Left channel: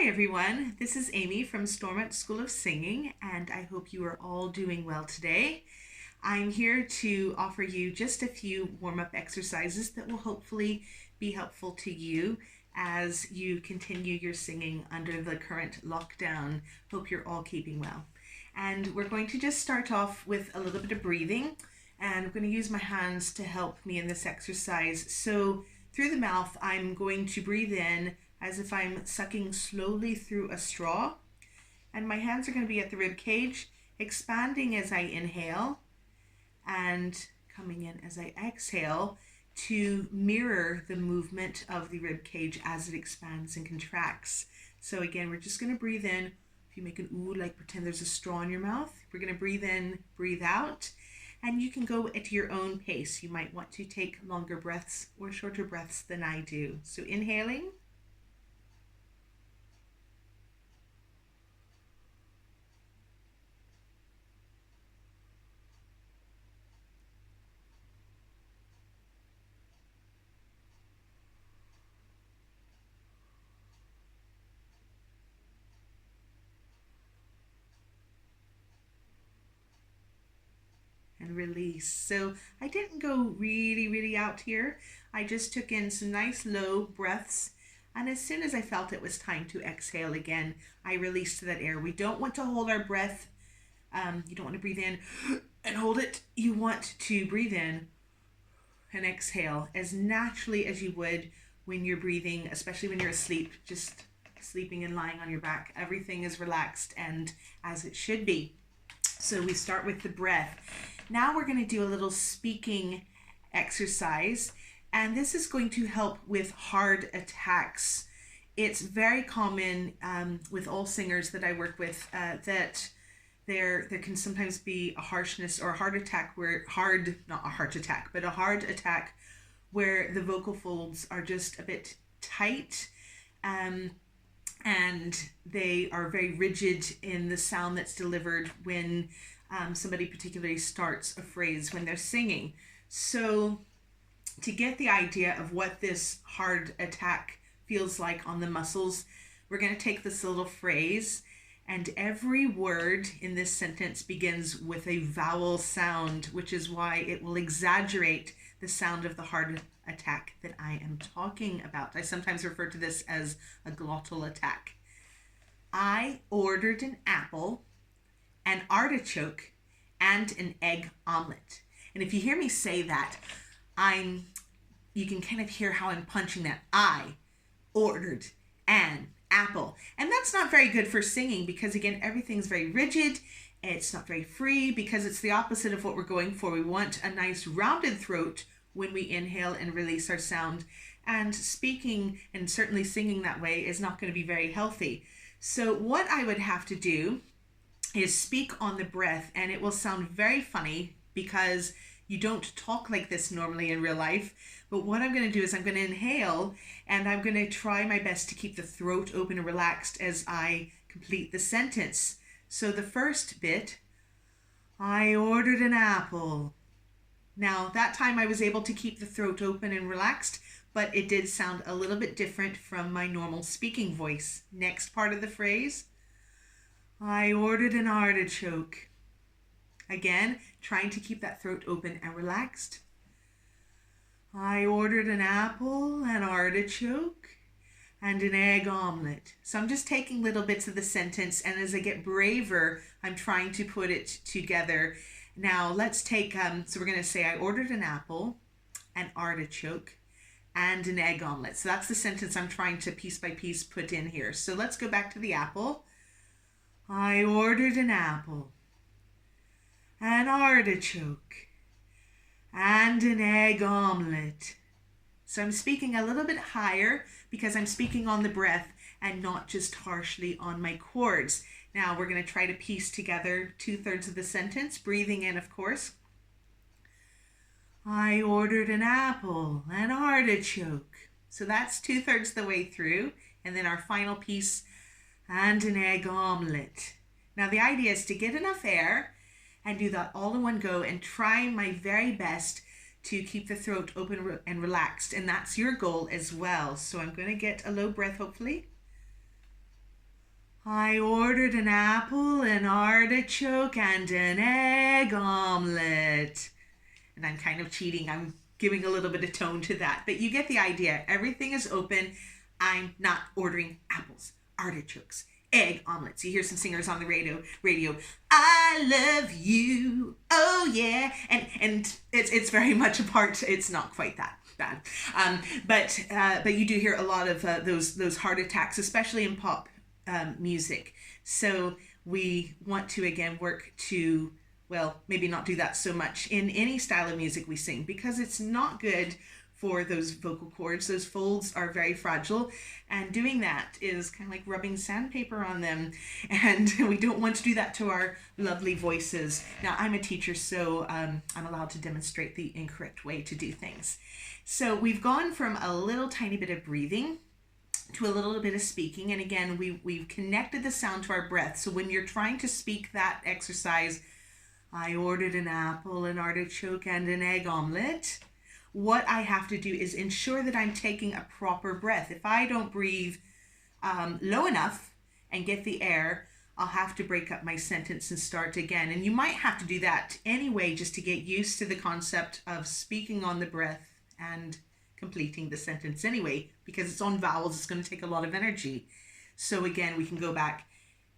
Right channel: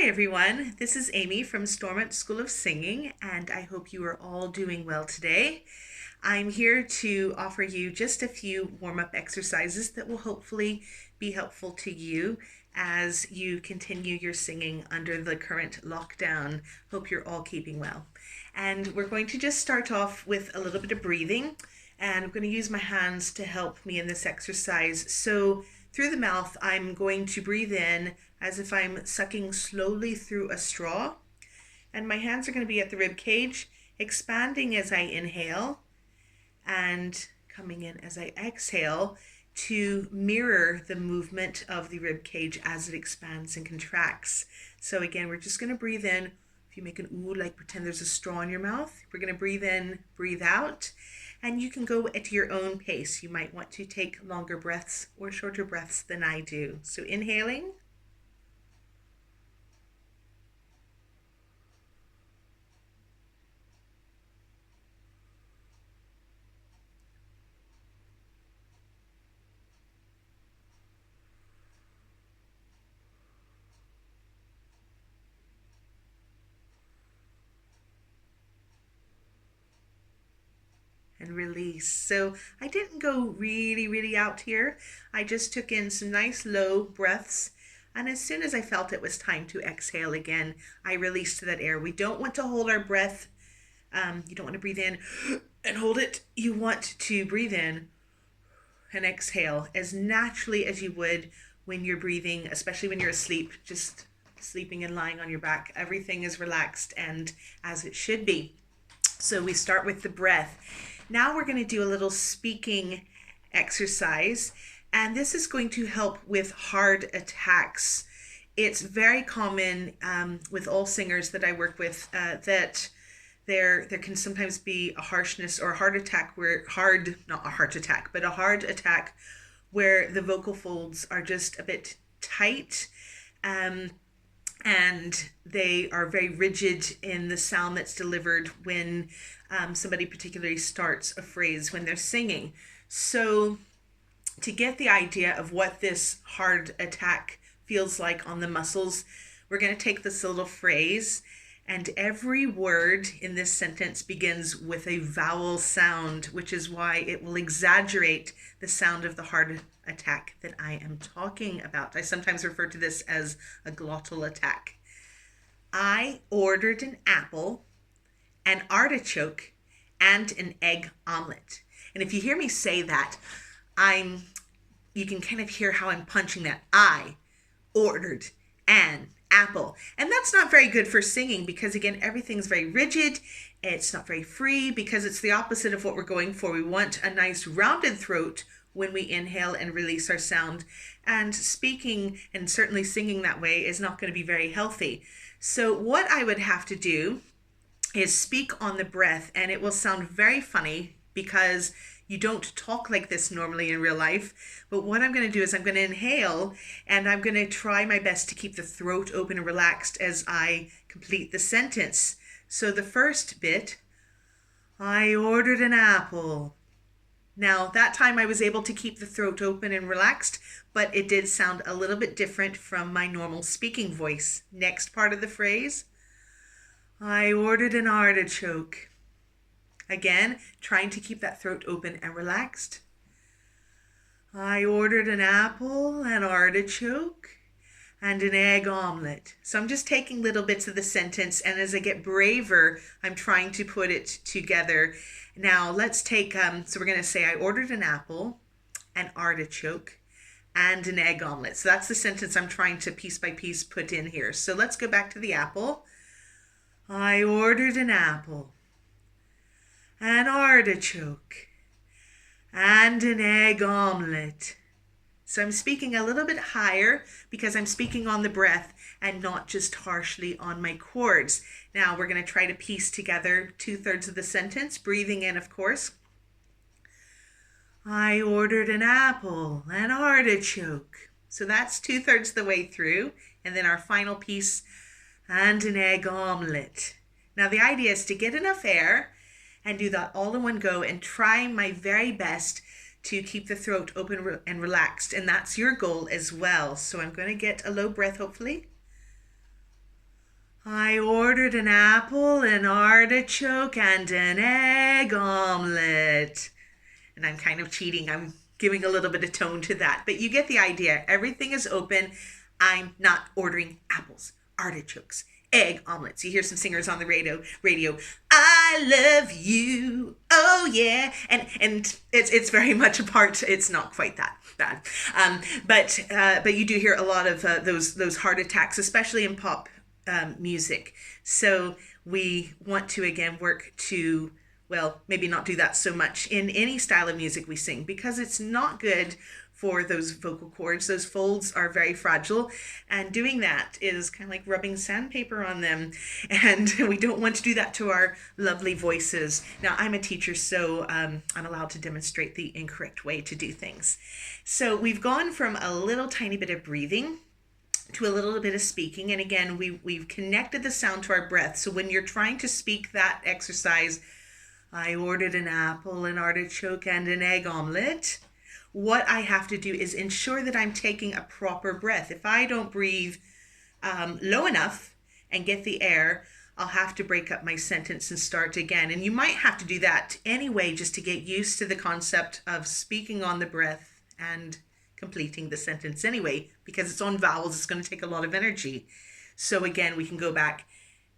Hi everyone, this is Amy from Stormont School of Singing, and I hope you are all doing well today. I'm here to offer you just a few warm-up exercises that will hopefully be helpful to you as you continue your singing under the current lockdown. Hope you're all keeping well. And we're going to just start off with a little bit of breathing, and I'm going to use my hands to help me in this exercise. So through the mouth, I'm going to breathe in as if I'm sucking slowly through a straw. And my hands are going to be at the rib cage, expanding as I inhale and coming in as I exhale to mirror the movement of the rib cage as it expands and contracts. So again, we're just going to breathe in. If you make an ooh, like pretend there's a straw in your mouth, we're going to breathe in, breathe out. And you can go at your own pace. You might want to take longer breaths or shorter breaths than I do. So inhaling. And release. So I didn't go really out here. I just took in some nice low breaths, and as soon as I felt it was time to exhale again, I released that air. We don't want to hold our breath. You don't want to breathe in and hold it. You want to breathe in and exhale as naturally as you would when you're breathing, especially when you're asleep, just sleeping and lying on your back. Everything is relaxed and as it should be. So we start with the breath. Now we're going to do a little speaking exercise, and this is going to help with hard attacks. It's very common with all singers that I work with that there can sometimes be a harshness or a hard attack where a hard attack where the vocal folds are just a bit tight and they are very rigid in the sound that's delivered when somebody particularly starts a phrase when they're singing. So to get the idea of what this hard attack feels like on the muscles, we're going to take this little phrase, and every word in this sentence begins with a vowel sound, which is why it will exaggerate the sound of the hard attack that I am talking about. I sometimes refer to this as a glottal attack. I ordered an apple, an artichoke, and an egg omelet. And if you hear me say that, you can kind of hear how I'm punching that. I ordered an apple. And that's not very good for singing because, again, everything's very rigid. It's not very free because it's the opposite of what we're going for. We want a nice rounded throat when we inhale and release our sound. And speaking and certainly singing that way is not going to be very healthy. So what I would have to do is speak on the breath, and it will sound very funny because you don't talk like this normally in real life. But what I'm going to do is I'm going to inhale, and I'm going to try my best to keep the throat open and relaxed as I complete the sentence. So the first bit, I ordered an apple. Now that time I was able to keep the throat open and relaxed, but it did sound a little bit different from my normal speaking voice. Next part of the phrase, I ordered an artichoke. Again, trying to keep that throat open and relaxed. I ordered an apple, an artichoke, and an egg omelet. So I'm just taking little bits of the sentence, and as I get braver, I'm trying to put it together. Now let's take, so we're going to say I ordered an apple, an artichoke, and an egg omelet. So that's the sentence I'm trying to piece by piece put in here. So let's go back to the apple. I ordered an apple, an artichoke, and an egg omelet. So I'm speaking a little bit higher because I'm speaking on the breath and not just harshly on my chords. Now we're going to try to piece together 2/3 of the sentence, breathing in, of course. I ordered an apple, an artichoke. So that's 2/3 the way through. And then our final piece, and an egg omelet. Now the idea is to get enough air and do that all in one go and try my very best to keep the throat open and relaxed. And that's your goal as well. So I'm going to get a low breath, hopefully. I ordered an apple, an artichoke, and an egg omelet. And I'm kind of cheating. I'm giving a little bit of tone to that. But you get the idea. Everything is open. I'm not ordering apples, artichokes, egg omelets. You hear some singers on the radio. I love you. Oh yeah. And it's very much a part. It's not quite that bad. But you do hear a lot of those heart attacks, especially in pop music. So we want to again work to, well, maybe not do that so much in any style of music we sing, because it's not good for those vocal cords. Those folds are very fragile, and doing that is kind of like rubbing sandpaper on them, and we don't want to do that to our lovely voices. Now, I'm a teacher, so I'm allowed to demonstrate the incorrect way to do things. So we've gone from a little tiny bit of breathing to a little bit of speaking, and again, we've connected the sound to our breath. So when you're trying to speak that exercise, I ordered an apple, an artichoke, and an egg omelet, what I have to do is ensure that I'm taking a proper breath. If I don't breathe low enough and get the air, I'll have to break up my sentence and start again. And you might have to do that anyway, just to get used to the concept of speaking on the breath and completing the sentence anyway, because it's on vowels. It's going to take a lot of energy. So again, we can go back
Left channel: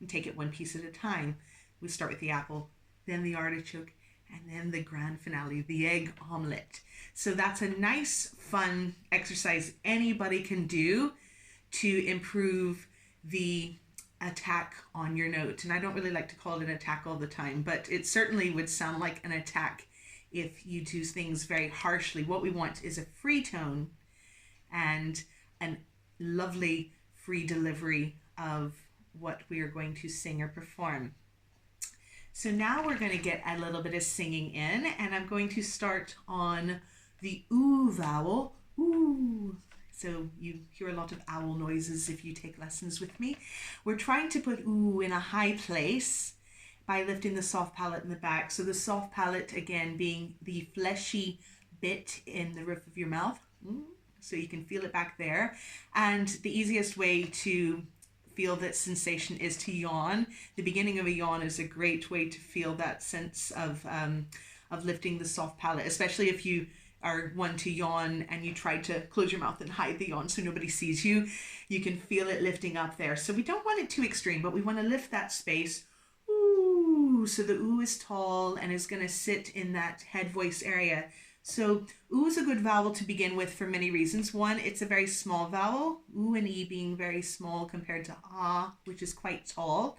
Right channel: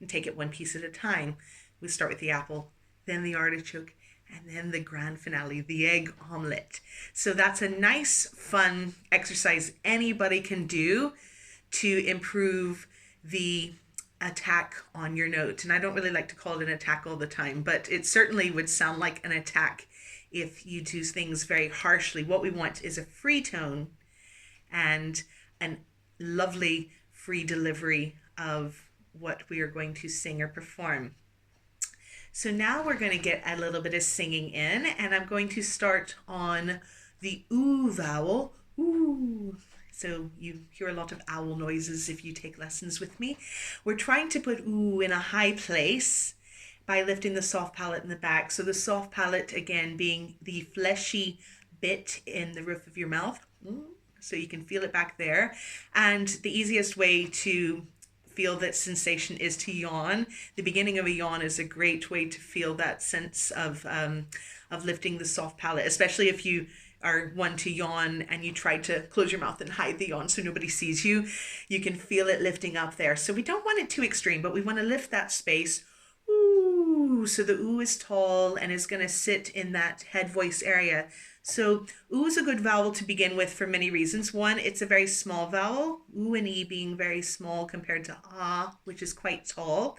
and take it one piece at a time. We start with the apple, then the artichoke, and then the grand finale, the egg omelet. So that's a nice, fun exercise anybody can do to improve the attack on your note. And I don't really like to call it an attack all the time, but it certainly would sound like an attack if you do things very harshly. What we want is a free tone and a lovely free delivery of what we are going to sing or perform. So now we're going to get a little bit of singing in, and I'm going to start on the oo vowel. Ooh. So you hear a lot of owl noises if you take lessons with me. We're trying to put ooh in a high place by lifting the soft palate in the back. So the soft palate, again, being the fleshy bit in the roof of your mouth. So you can feel it back there. And the easiest way to feel that sensation is to yawn. The beginning of a yawn is a great way to feel that sense of lifting the soft palate, especially if you are one to yawn and you try to close your mouth and hide the yawn so nobody sees you. You can feel it lifting up there. So we don't want it too extreme, but we want to lift that space. Ooh, so the ooh is tall and is going to sit in that head voice area. So ooh is a good vowel to begin with for many reasons. One, it's a very small vowel, ooh and e being very small compared to ah, which is quite tall.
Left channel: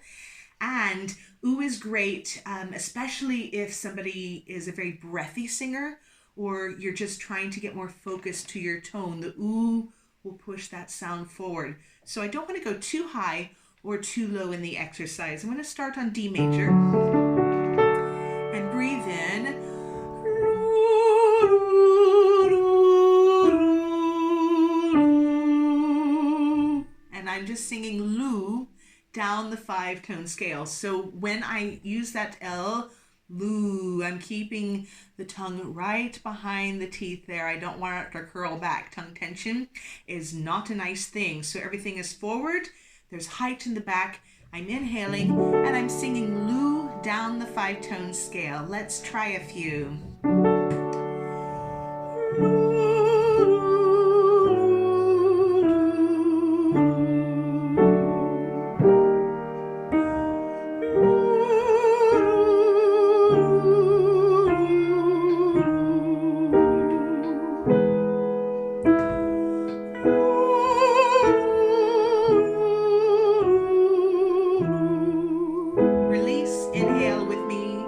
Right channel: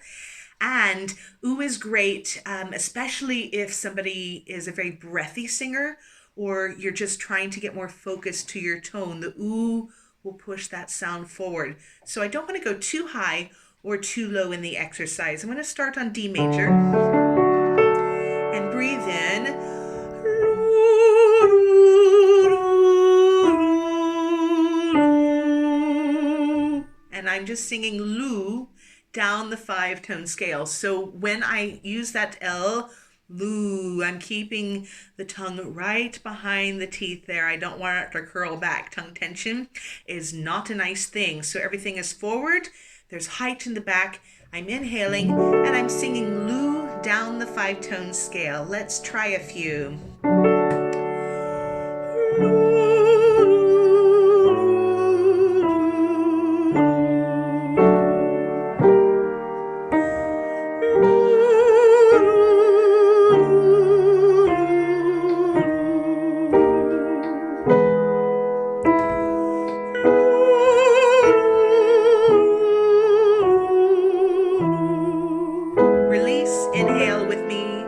And ooh is great, especially if somebody is a very breathy singer, or you're just trying to get more focus to your tone. The ooh will push that sound forward. So I don't want to go too high or too low in the exercise. I'm going to start on D major and breathe in. And I'm just singing loo down the 5-tone scale. So when I use that L, loo, I'm keeping the tongue right behind the teeth there. I don't want it to curl back. Tongue tension is not a nice thing. So everything is forward. There's height in the back. I'm inhaling and I'm singing loo down the 5-tone scale. Let's try a few. Release, inhale with me.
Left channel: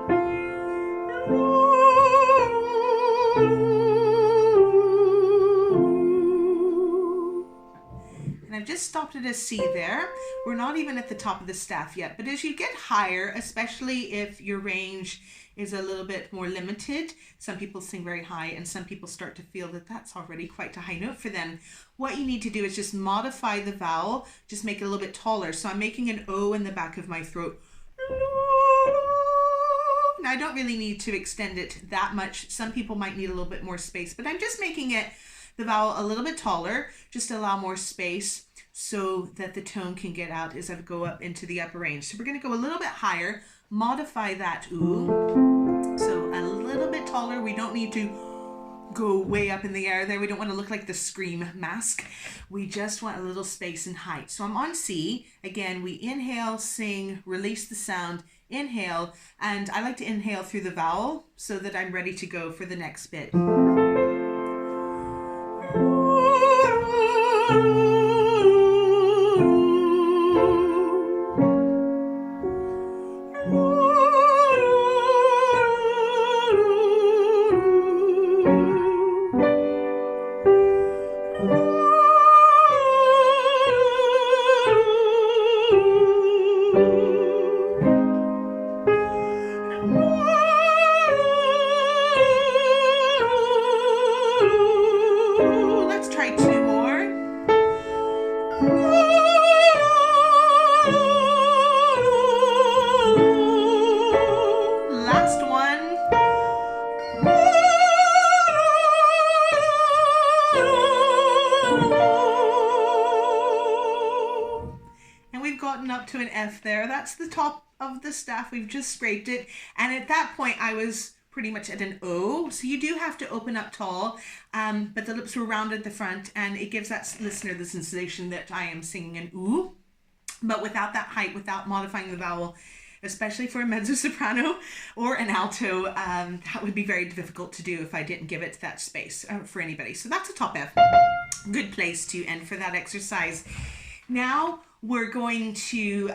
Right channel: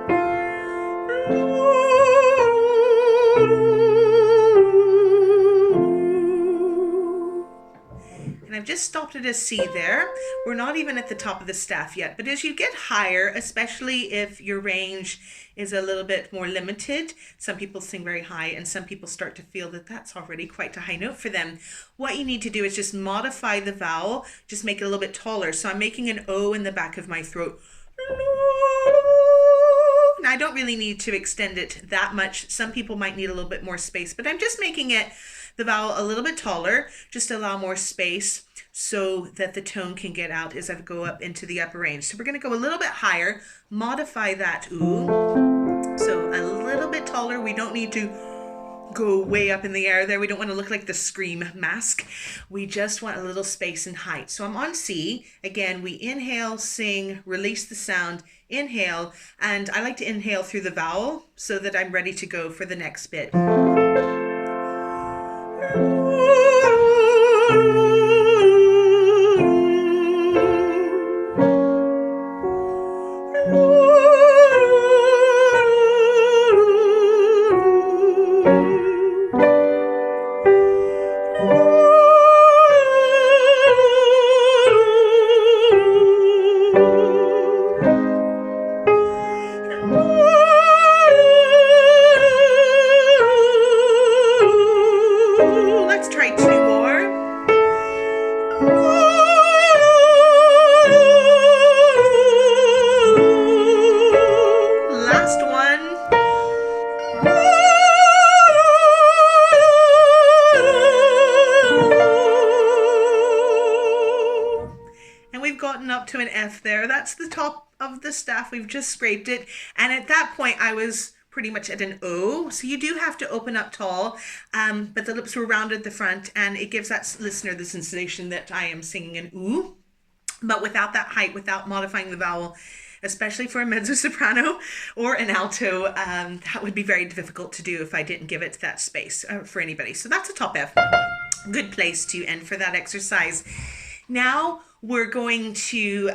And I've just stopped at a C there. We're not even at the top of the staff yet, but as you get higher, especially if your range is a little bit more limited, some people sing very high and some people start to feel that that's already quite a high note for them. What you need to do is just modify the vowel, just make it a little bit taller. So I'm making an O in the back of my throat. Now I don't really need to extend it that much. Some people might need a little bit more space, but I'm just making it the vowel a little bit taller, just allow more space so that the tone can get out as I go up into the upper range. So we're going to go a little bit higher, modify that ooh. So a little bit taller. We don't need to go way up in the air there. We don't want to look like the Scream mask. We just want a little space and height. So I'm on C. Again, we inhale, sing, release the sound, inhale, and I like to inhale through the vowel so that I'm ready to go for the next bit. Up to an F there. That's the top of the staff. We've just scraped it. And at that point, I was pretty much at an O. So you do have to open up tall, but the lips were rounded at the front, and it gives that listener the sensation that I am singing an ooh, but without that height, without modifying the vowel, especially for a mezzo-soprano or an alto. That would be very difficult to do if I didn't give it that space for anybody. So that's a top F. Good place to end for that exercise. Now we're going to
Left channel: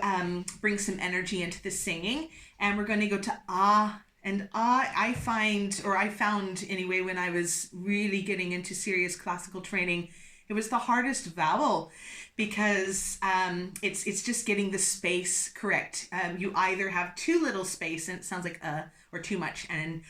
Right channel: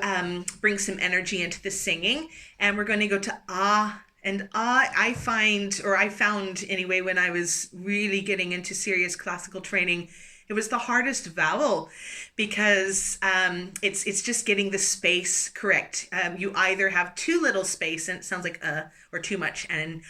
bring some energy into the singing, and we're going to go to ah. And ah, I found anyway, when I was really getting into serious classical training, it was the hardest vowel because it's just getting the space correct. You either have too little space and it sounds like or too much, and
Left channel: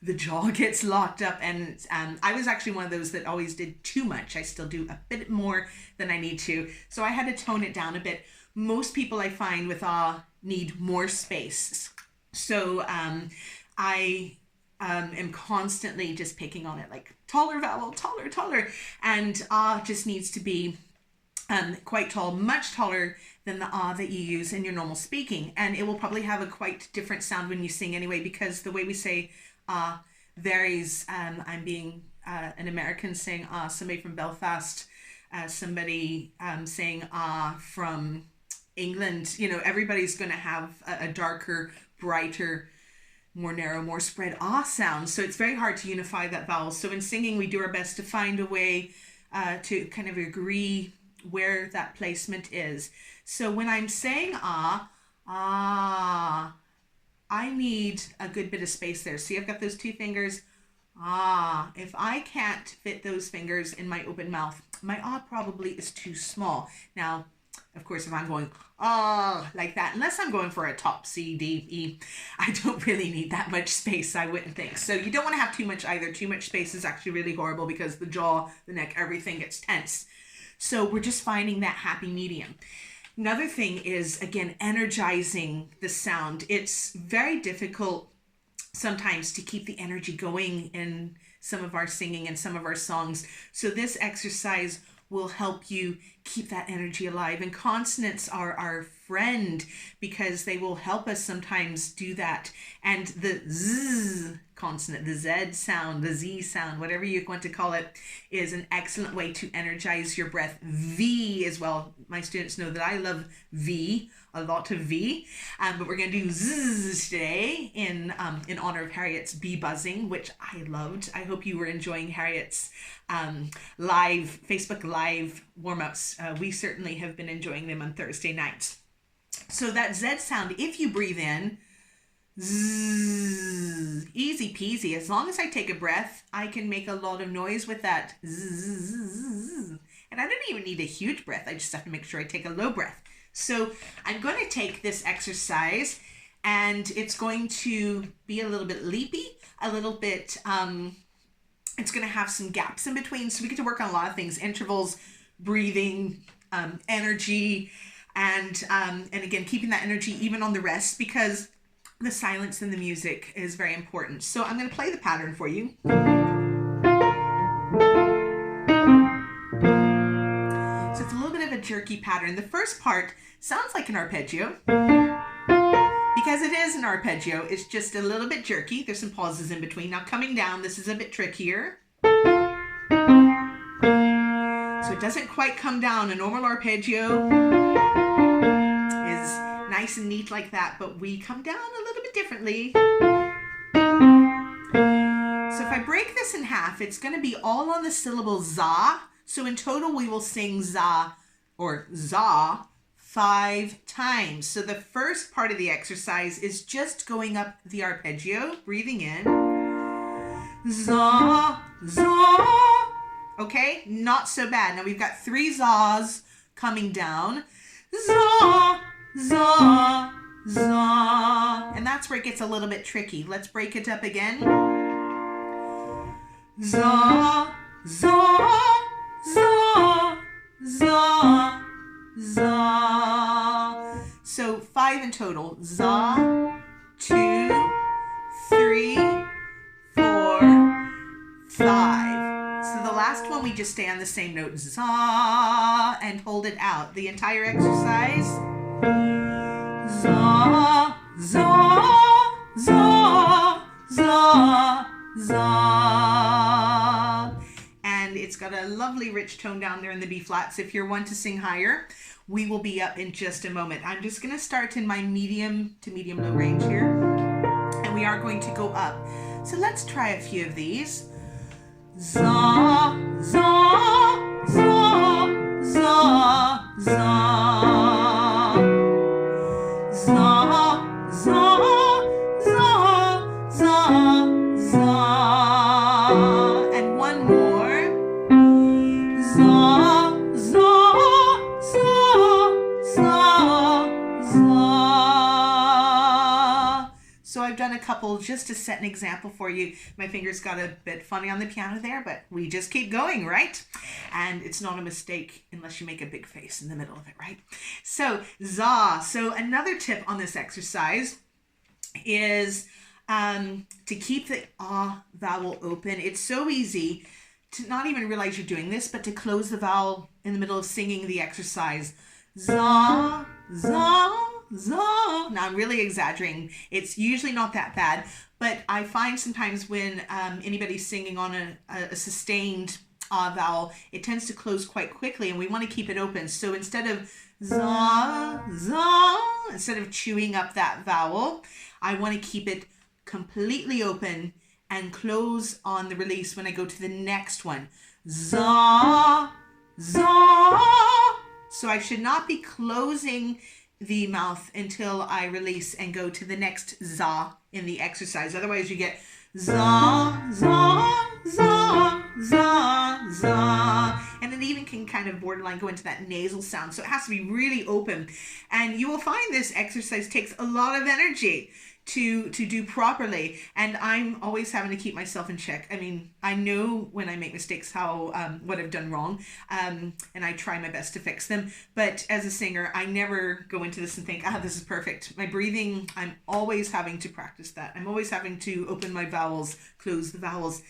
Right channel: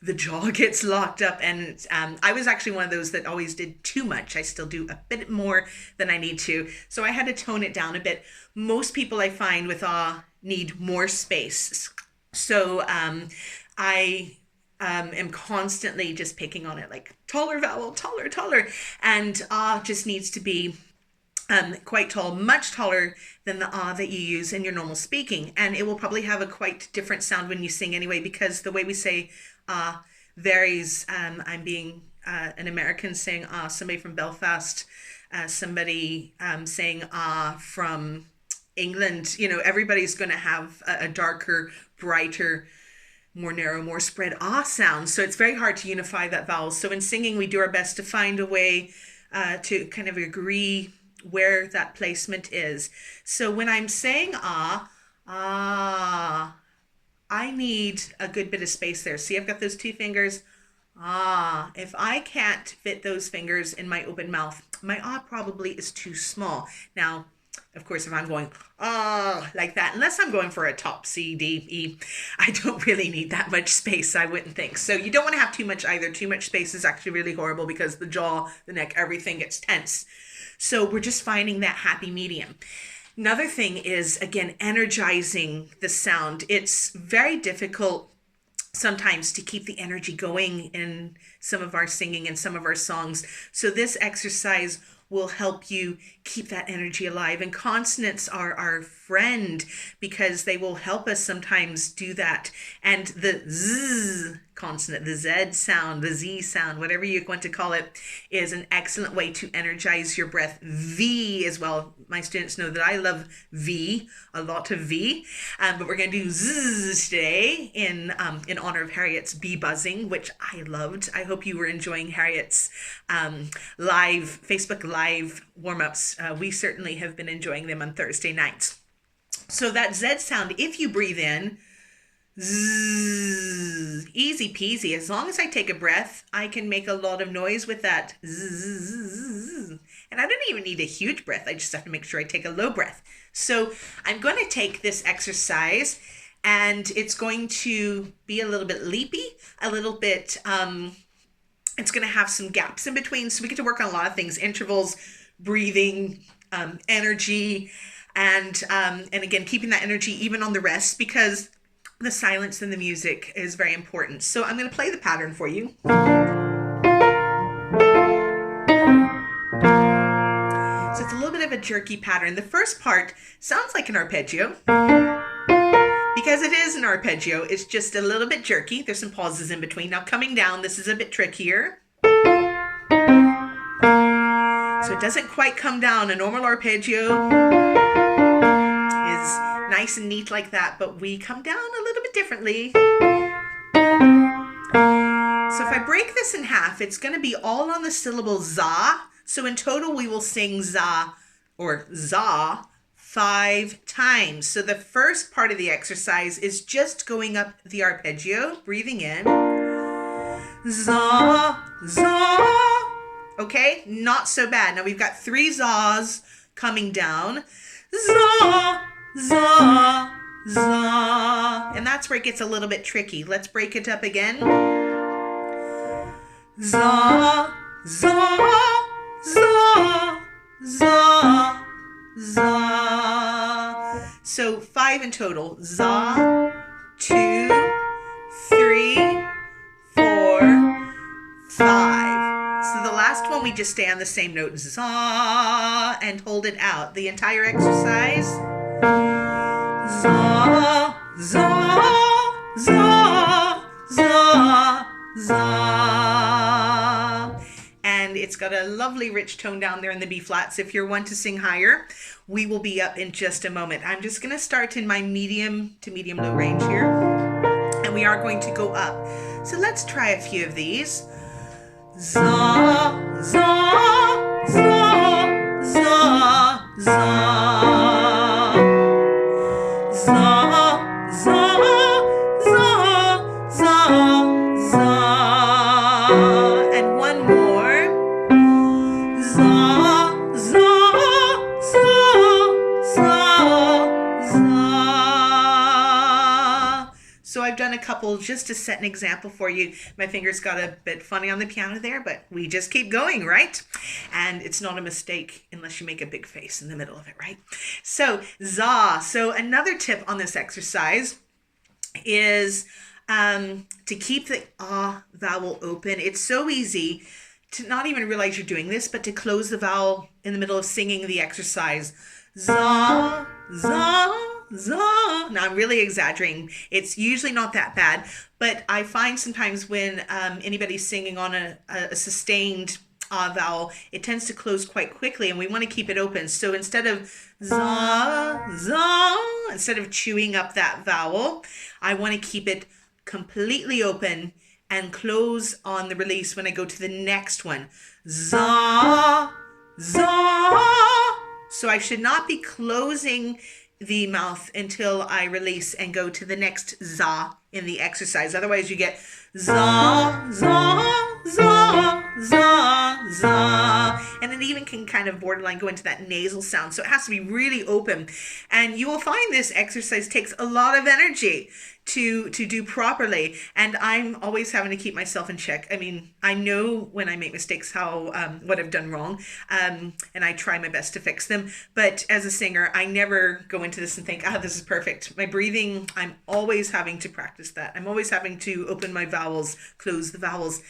the jaw gets locked up. And I was actually one of those that always did too much. I still do a bit more than I need to. So I had to tone it down a bit. Most people I find with need more space. So I am constantly just picking on it, like taller vowel, taller. And just needs to be quite tall, much taller than the that you use in your normal speaking. And it will probably have a quite different sound when you sing anyway, because the way we say varies. I'm being an American saying somebody from Belfast, somebody saying from England. You know, everybody's going to have a darker, brighter, more narrow, more spread sound. So it's very hard to unify that vowel. So in singing, we do our best to find a way to kind of agree where that placement is. So when I'm saying I need a good bit of space there. See, I've got those two fingers. If I can't fit those fingers in my open mouth, my probably is too small. Now, of course, if I'm going like that, unless I'm going for a top C, D, E, I don't really need that much space, I wouldn't think. So you don't want to have too much either. Too much space is actually really horrible because the jaw, the neck, everything gets tense. So we're just finding that happy medium. Another thing is, again, energizing the sound. It's very difficult sometimes to keep the energy going in some of our singing and some of our songs. So this exercise will help you keep that energy alive. And consonants are our friend because they will help us sometimes do that. And the Z consonant, the Z sound, the Z sound, whatever you want to call it, is an excellent way to energize your breath. V as well. My students know that I love V, a lot of V, but we're going to do Z today in honor of Harriet's bee buzzing, which I loved. I hope you were enjoying Harriet's Facebook Live warm-ups. We certainly have been enjoying them on Thursday nights. So that Z sound, if you breathe in, zzz, easy peasy. As long as I take a breath, I can make a lot of noise with that zzz. And I don't even need a huge breath. I just have to make sure I take a low breath. So I'm going to take this exercise, and it's going to be a little bit leapy, a little bit, it's going to have some gaps in between. So we get to work on a lot of things: intervals, breathing, energy, and again, keeping that energy even on the rest, because the silence in the music is very important. So I'm going to play the pattern for you. a jerky pattern. The first part sounds like an arpeggio. Because it is an arpeggio, it's just a little bit jerky. There's some pauses in between. Now coming down, this is a bit trickier. So it doesn't quite come down. A normal arpeggio is nice and neat like that, but we come down a little bit differently. So if I break this in half, it's going to be all on the syllable za. So in total, we will sing za or za 5 times. So the first part of the exercise is just going up the arpeggio, breathing in. Za, za. Okay, not so bad. Now we've got 3 za's coming down. Za, za, za. And that's where it gets a little bit tricky. Let's break it up again. Za, za, za, za, za. So 5 in total. Za, 2, 3, 4, 5. So the last one we just stay on the same note, za, and hold it out. The entire exercise. Za, za, za, za, za. And it's got a lovely rich tone down there in the B flats. If you're one to sing higher, we will be up in just a moment. I'm just going to start in my medium to medium low range here. And we are going to go up. So let's try a few of these. Za, za, za, za, za. Za, za, za, za, za. And one more. Za, za, za, za, za. So I've done a couple just to set an example for you. My fingers got a bit funny on the piano there, but we just keep going, right? And it's not a mistake unless you make a big face in the middle of it, right? So za. So another tip on this exercise is to keep the ah vowel open. It's so easy to not even realize you're doing this, but to close the vowel in the middle of singing the exercise. Za, za, za. Now I'm really exaggerating. It's usually not that bad, but I find sometimes when anybody's singing on a sustained vowel, it tends to close quite quickly, and we want to keep it open. So instead of za, za, instead of chewing up that vowel, I want to keep it completely open and close on the release when I go to the next one. Za, za. So I should not be closing the mouth until I release and go to the next za in the exercise. Otherwise you get za, za, za, za, za. And it even can kind of borderline go into that nasal sound. So it has to be really open. And you will find this exercise takes a lot of energy to do properly, and I'm always having to keep myself in check. I mean, I know when I make mistakes how what I've done wrong, and I try my best to fix them, but as a singer I never go into this and think, this is perfect. My breathing, I'm always having to practice that. I'm always having to open my vowels, close the vowels,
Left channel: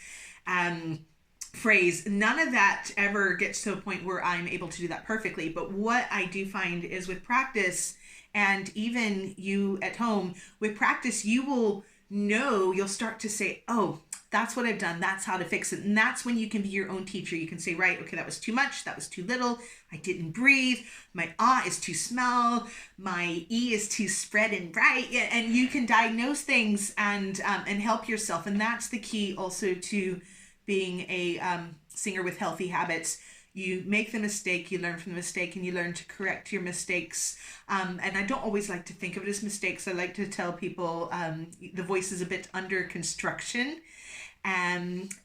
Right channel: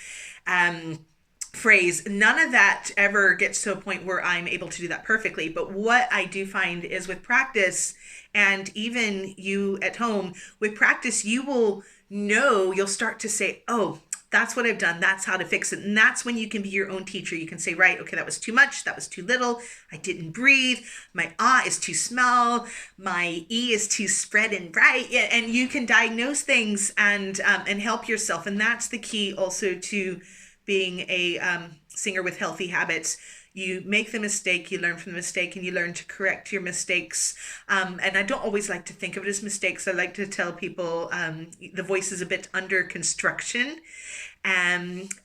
phrase. None of that ever gets to a point where I'm able to do that perfectly, but what I do find is with practice, and even you at home, with practice, you will know, you'll start to say, oh, that's what I've done. That's how to fix it. And that's when you can be your own teacher. You can say, right, okay, that was too much. That was too little. I didn't breathe. My ah is too small. My e is too spread and bright. Yeah, and you can diagnose things and help yourself. And that's the key also to being a singer with healthy habits. You make the mistake, you learn from the mistake, and you learn to correct your mistakes. And I don't always like to think of it as mistakes. I like to tell people the voice is a bit under construction.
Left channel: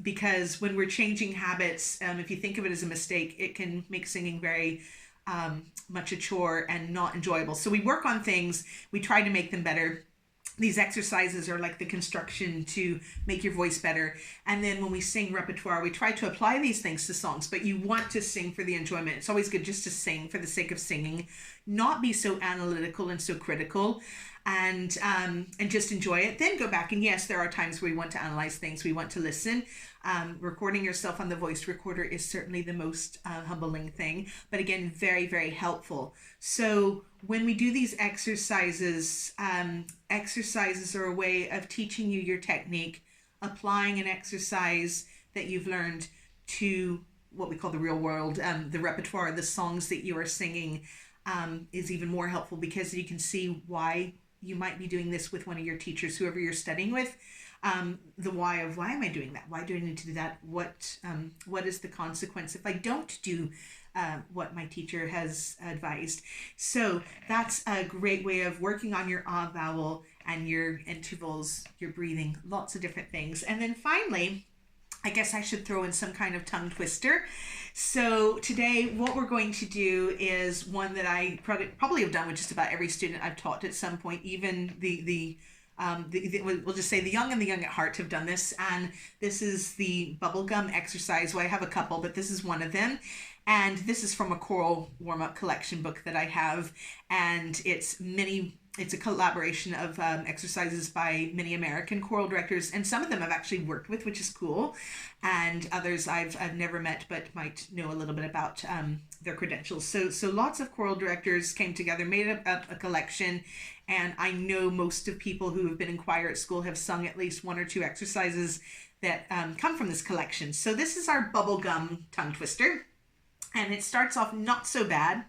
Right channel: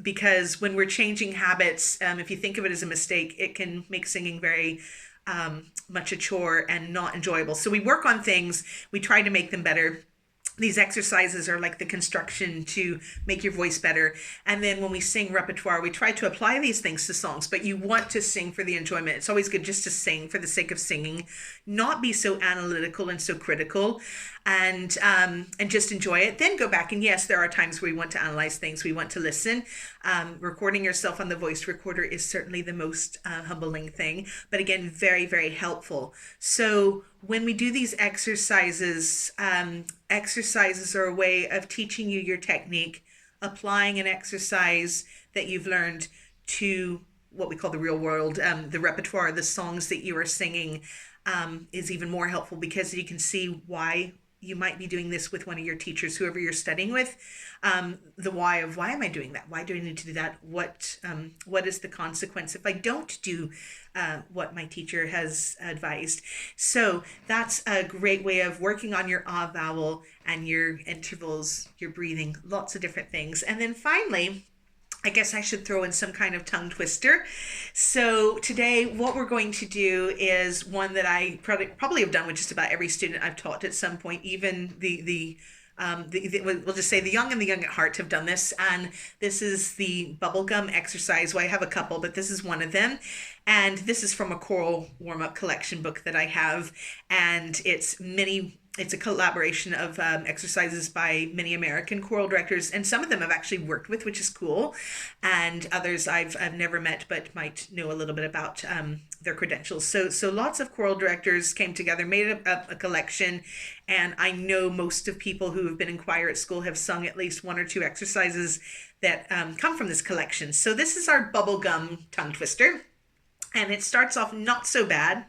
Because when we're changing habits, if you think of it as a mistake, it can make singing very much a chore and not enjoyable. So we work on things, we try to make them better. These exercises are like the construction to make your voice better. And then when we sing repertoire, we try to apply these things to songs, but you want to sing for the enjoyment. It's always good just to sing for the sake of singing, not be so analytical and so critical, and just enjoy it. Then go back, and yes, there are times where we want to analyze things, we want to listen. Recording yourself on the voice recorder is certainly the most humbling thing, but again, very, very helpful. So when we do these exercises, exercises are a way of teaching you your technique, applying an exercise that you've learned to what we call the real world. The repertoire, the songs that you are singing, is even more helpful, because you can see why you might be doing this with one of your teachers, whoever you're studying with. The why of, why am I doing that? Why do I need to do that? What is the consequence if I don't do what my teacher has advised? So that's a great way of working on your ah vowel and your intervals, your breathing, lots of different things. And then finally, I guess I should throw in some kind of tongue twister. So today what we're going to do is one that I probably have done with just about every student I've taught at some point. Even we'll just say the young and the young at heart have done this. And this is the Bubblegum exercise. Well, I have a couple, but this is one of them. And this is from a choral warm-up collection book that I have. And it's a collaboration of exercises by many American choral directors, and some of them I've actually worked with, which is cool, and others I've never met but might know a little bit about their credentials. So lots of choral directors came together, made a collection, and I know most of people who have been in choir at school have sung at least one or two exercises that come from this collection. So this is our Bubblegum tongue twister, and it starts off not so bad.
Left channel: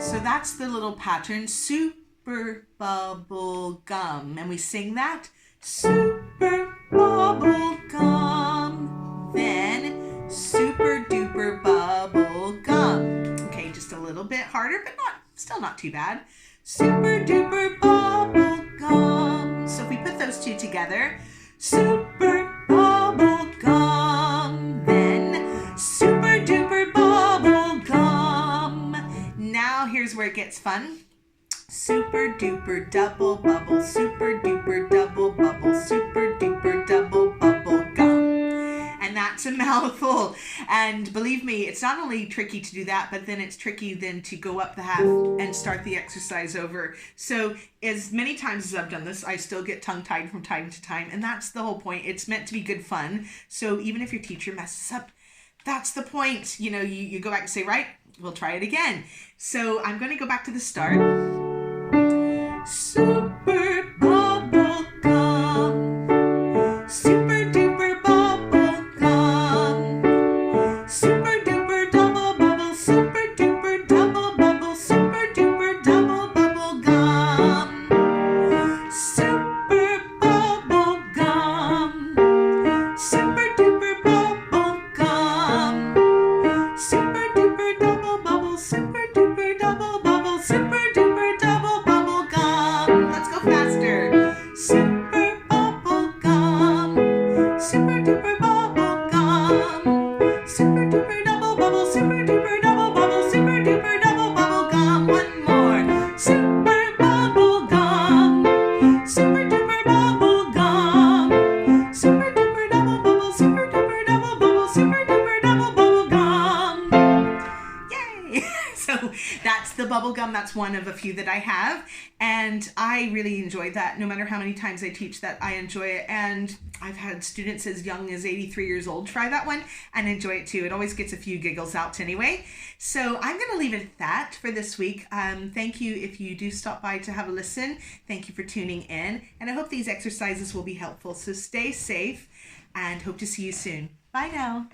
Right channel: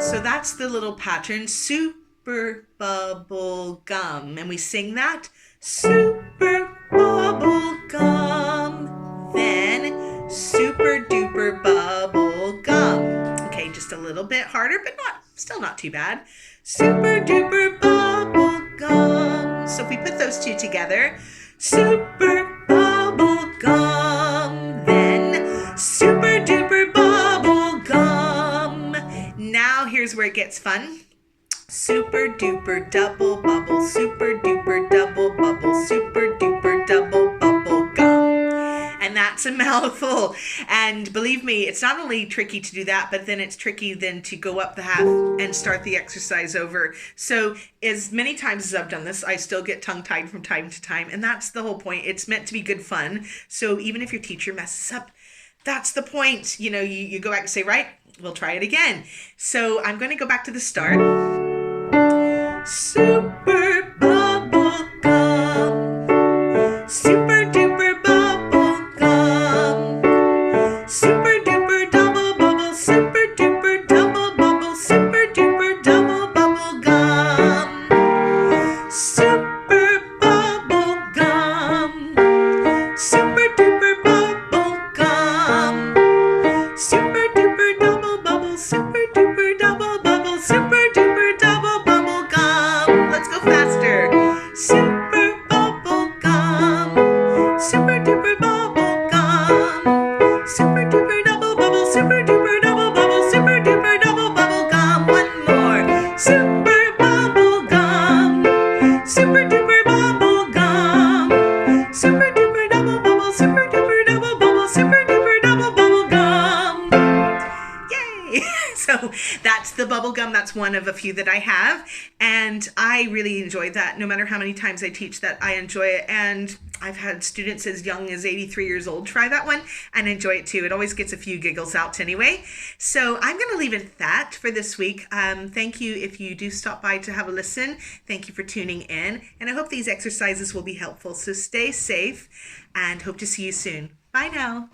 So that's the little pattern, super bubble gum. And we sing that, super bubble gum. Then super duper bubble gum. Okay, just a little bit harder, but still not too bad. Super duper bubble gum. So if we put those two together, super bubble gum. Then super duper bubble gum. Now here's where it gets fun. Super duper double bubble, super duper double bubble, super duper double bubble gum. And that's a mouthful. And believe me, it's not only tricky to do that, but then it's tricky then to go up the half and start the exercise over. So as many times as I've done this, I still get tongue-tied from time to time. And that's the whole point. It's meant to be good fun. So even if your teacher messes up, that's the point. You know, you go back and say, right, we'll try it again. So I'm going to go back to the start. Super bubble gum. Super duper bubble gum. Super duper double bubble. Super duper double bubble. Super duper double bubble gum. Super bubble gum. Super duper bubble gum. Super duper double bubble. Super duper double bubble. Super duper double bubble gum. Let's go faster. Super bubble gum. Super duper bubble gum. Super duper double bubble. Super duper double bubble. Super duper double bubble gum. One more. Super bubble gum. Super duper bubble gum. Super duper double bubble. Super duper double bubble. Super duper double bubble gum. Yay! So that's the bubble gum. That's one of a few that I have, and I really enjoyed that. No matter how many times I teach that, I enjoy it, and I've had students as young as 83 years old try that one and enjoy it too. It always gets a few giggles out anyway. So I'm going to leave it at that for this week. Thank you if you do stop by to have a listen. Thank you for tuning in, and I hope these exercises will be helpful. So stay safe and hope to see you soon. Bye now.